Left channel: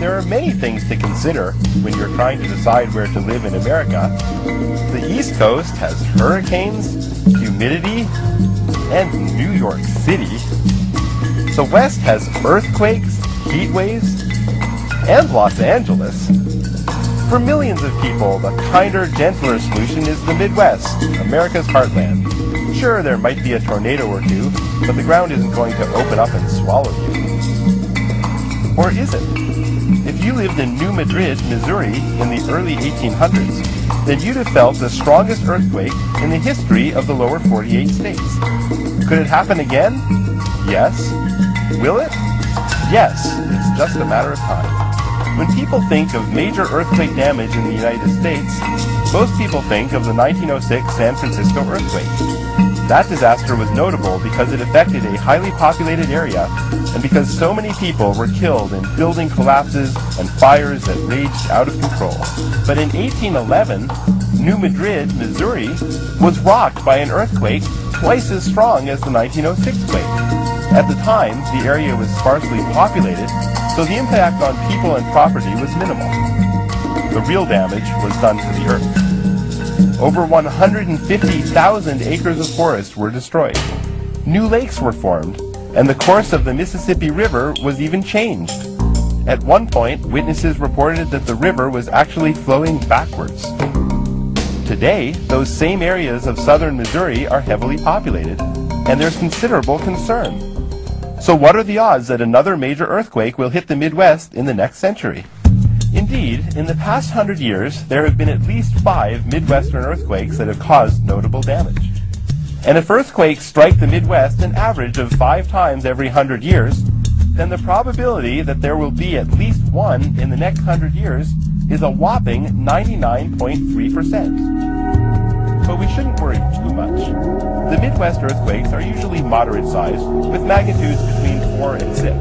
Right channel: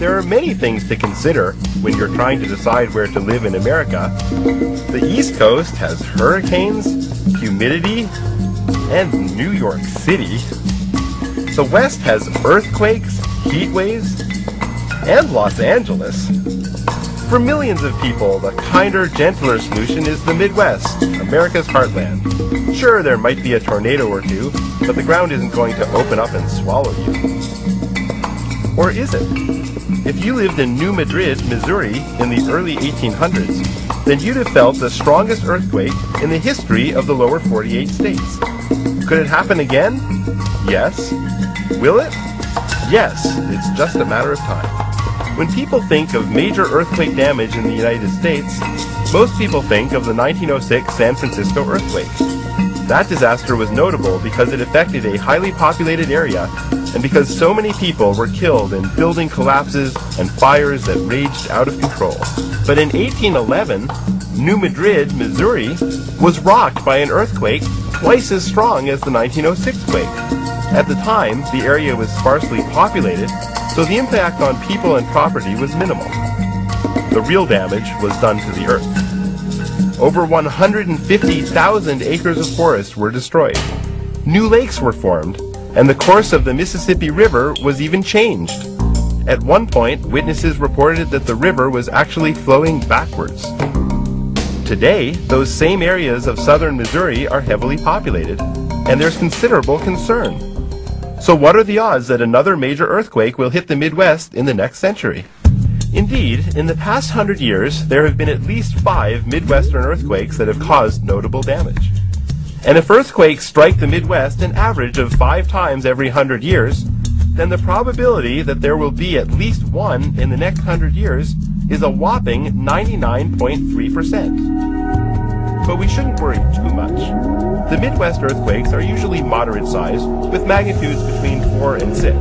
There are many things to consider when you're trying to decide where to live in America. The East Coast has hurricanes, humidity, and New York City. The West has earthquakes, heat waves, and Los Angeles. For millions of people, the kinder, gentler solution is the Midwest, America's heartland. Sure, there might be a tornado or two, but the ground isn't going to open up and swallow you. Or is it? If you lived in New Madrid, Missouri in the early 1800s, then you'd have felt the strongest earthquake in the history of the lower 48 states. Could it happen again? Yes. Will it? Yes. It's just a matter of time. When people think of major earthquake damage in the United States, most people think of the 1906 San Francisco earthquake. That disaster was notable because it affected a highly populated area and because so many people were killed in building collapses and fires that raged out of control. But in 1811, New Madrid, Missouri, was rocked by an earthquake twice as strong as the 1906 quake. At the time, the area was sparsely populated, so the impact on people and property was minimal. The real damage was done to the earth. Over 150,000 acres of forest were destroyed. New lakes were formed, and the course of the Mississippi River was even changed. At one point, witnesses reported that the river was actually flowing backwards. Today, those same areas of southern Missouri are heavily populated, and there's considerable concern. So what are the odds that another major earthquake will hit the Midwest in the next century? Indeed, in the past 100 years, there have been at least 5 Midwestern earthquakes that have caused notable damage. And if earthquakes strike the Midwest an average of 5 times every 100 years, then the probability that there will be at least one in the next 100 years is a whopping 99.3%. But we shouldn't worry too much. The Midwest earthquakes are usually moderate sized, with magnitudes between 4 and 6.